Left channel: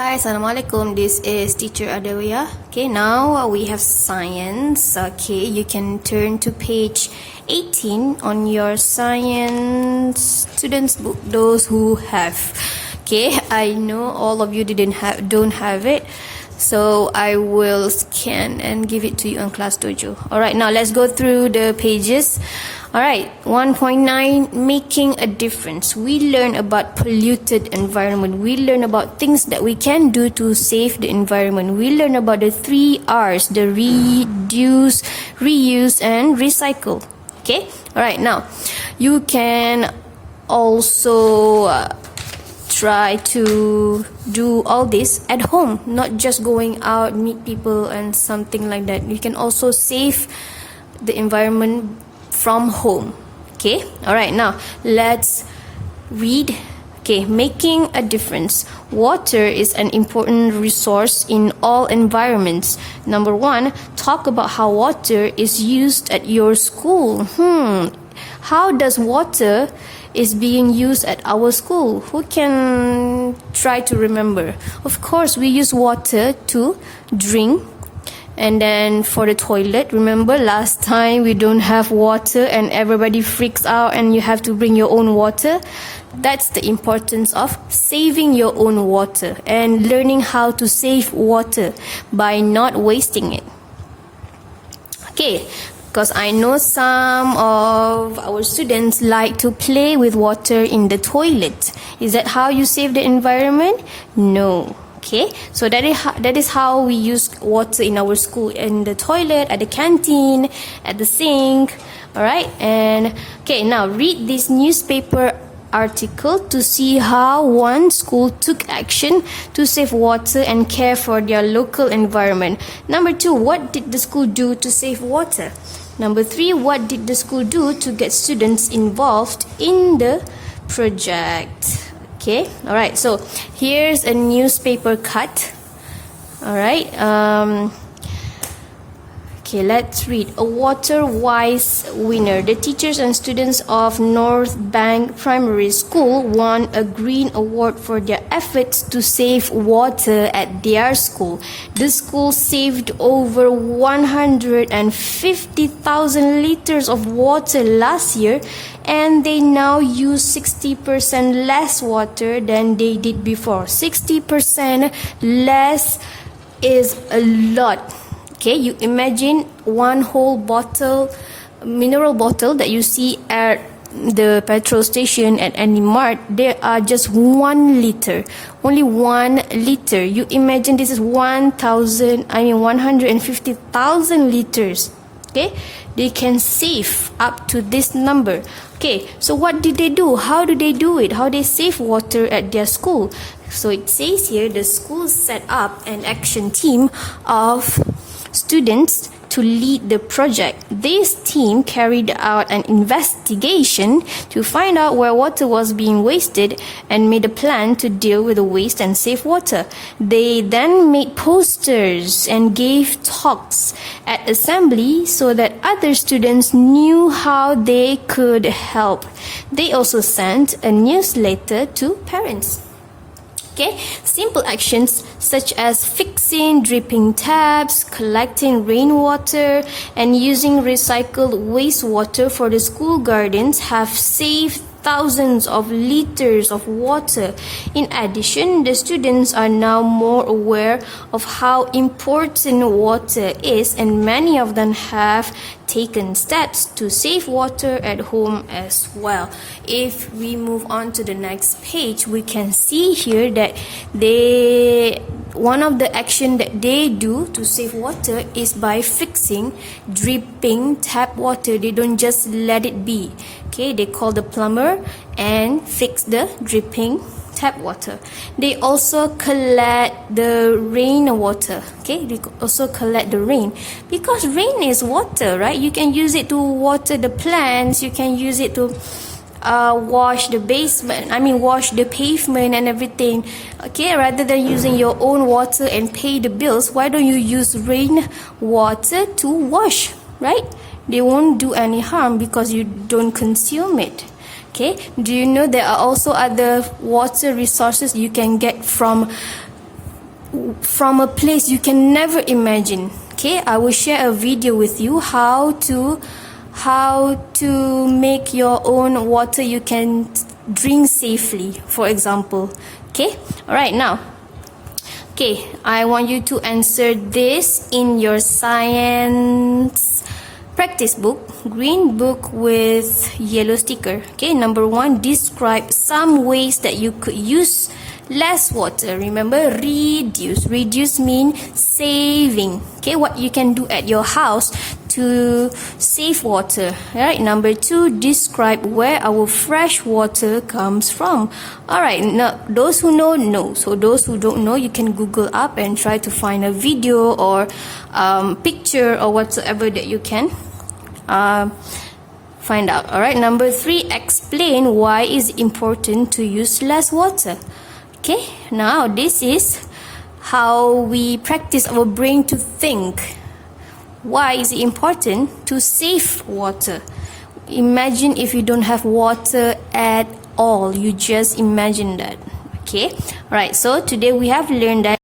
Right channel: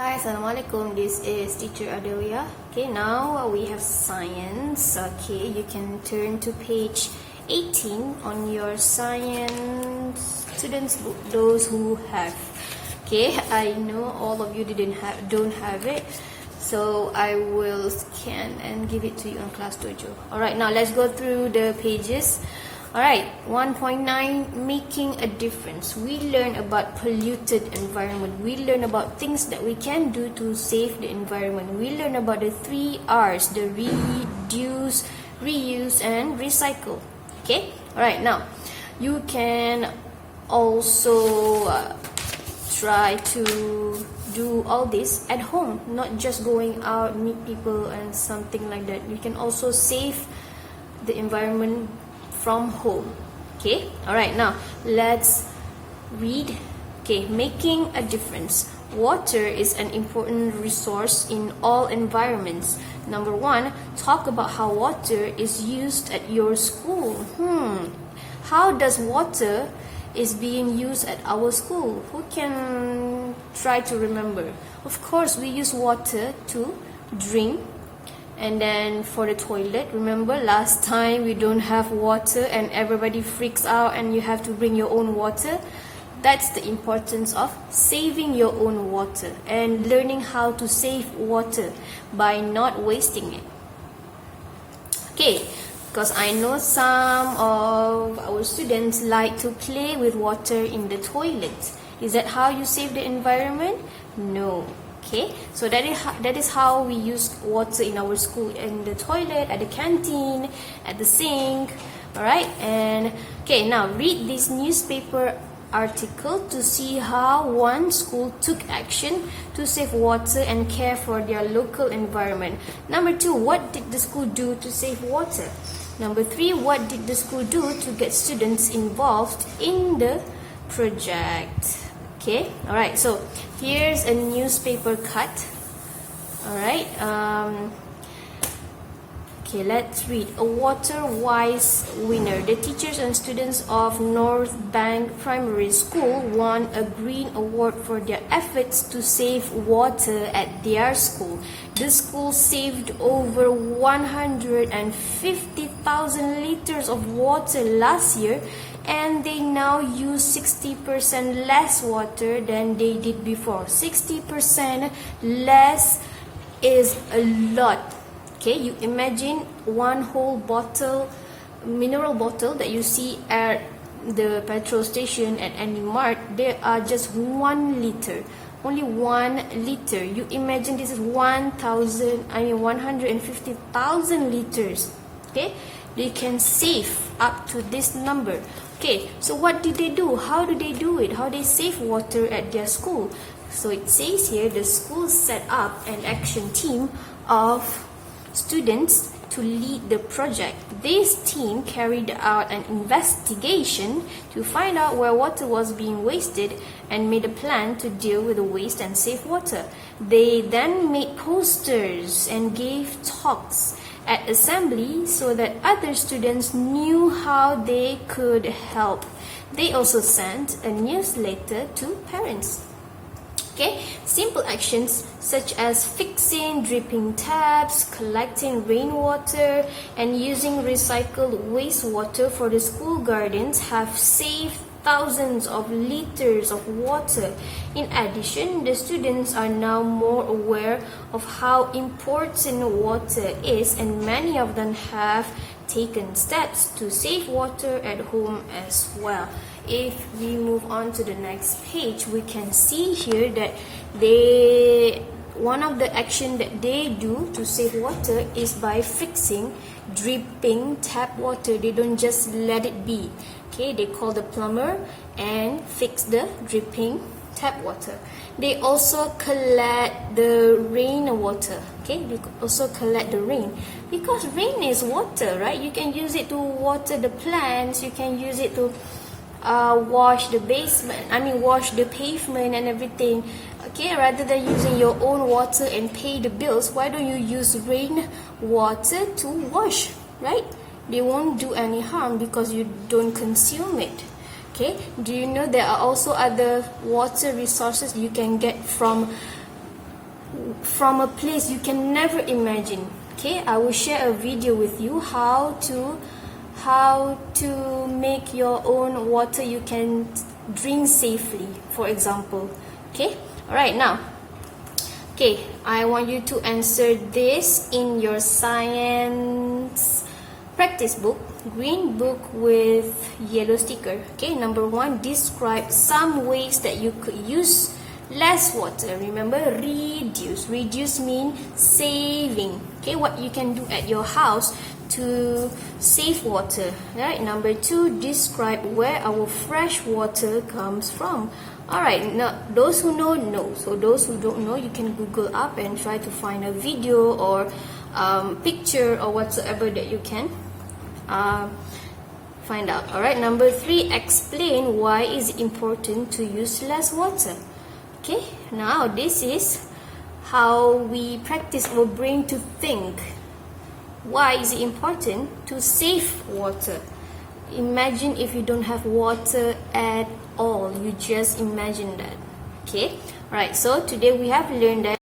Hi, Assalamualaikum. This is Teacher Adawiyah. Okay, now we have science. Okay, you can turn to page 18 on your science students book, those who have. Okay, I know all of you don't have it, so I will scan and give it to you on class dojo. Alright, now let's go through the pages. Alright, 1.9, making a difference. We learn about polluted environment. We learn about things that we can do to save the environment. We learn about the 3 R's, the reduce, reuse, and recycle. Okay, alright, now you can also try to do all this at home, not just going out, meet people and something like that. You can also save the environment from home. Okay, alright, now let's read. Okay, making a difference. Water is an important resource in all environments. Number 1, talk about how water is used at your school. How does water is being used at our school? Who can try to remember? Of course, we use water to drink. And then for the toilet, remember last time we don't have water and everybody freaks out and you have to bring your own water. That's the importance of saving your own water and learning how to save water by not wasting it. Okay, because I know some of our students like to play with water in the toilet. Is that how you save the environment? No. Okay, so that is how we use water in our school, in the toilet, at the canteen, at the sink. Alright, and okay, now read this newspaper article to see how one school took action to save water and care for their local environment. Number 2, what did the school do to save water? Number 3, what did the school do to get students involved in the project? Okay, alright, so here's a newspaper cut. Alright, okay, let's read. A Water Wise winner. The teachers and students of North Bank Primary School won a Green Award for their efforts to save water at their school. The school saved over 150,000 liters of water last year, and they now use 60% less water than they did before. 60% less is a lot. Okay, you imagine one whole bottle, mineral bottle that you see at the petrol station at any mart, there are just 1 liter, only 1 liter. You imagine this is 150,000 liters. Okay, they can save up to this number. Okay, so what did they do? How do they do it? How they save water at their school? So it says here the school set up an action team of students to lead the project. This team carried out an investigation to find out where water was being wasted and made a plan to deal with the waste and save water. They then made posters and gave talks at assembly so that other students knew how they could help. They also sent a newsletter to parents. Okay, simple actions such as fixing dripping taps, collecting rainwater, and using recycled wastewater for the school gardens have saved thousands of liters of water. In addition, the students are now more aware of how important water is, and many of them have taken steps to save water at home as well. If we move on to the next page, we can see here that one of the action that they do to save water is by fixing dripping tap water. They don't just let it be. Okay, they call the plumber and fix the dripping tap water. They also collect the rainwater. Okay, they also collect the rain, because rain is water, right? You can use it to water the plants. You can use it to wash the wash the pavement and everything. Okay, rather than using your own water and pay the bills, why don't you use rain water to wash, right? They won't do any harm because you don't consume it. Okay, do you know there are also other water resources you can get from from a place you can never imagine. Okay, I will share a video with you how to make your own water you can drink safely, for example. Okay, all right, now, okay, I want you to answer this in your science practice book, green book with yellow sticker. Okay, number 1, describe some ways that you could use less water. Remember, reduce mean saving. Okay, what you can do at your house to save water. All right, number 2, describe where our fresh water comes from. All right, now those who know, so those who don't know, you can Google up and try to find a video or picture or whatsoever that you can find out. All right, number 3, explain why it's important to use less water. Okay, now this is how we practice our brain to think. Why is it important to save water? Imagine if you don't have water at all. You just imagine that. Okay, alright, so today we have learned that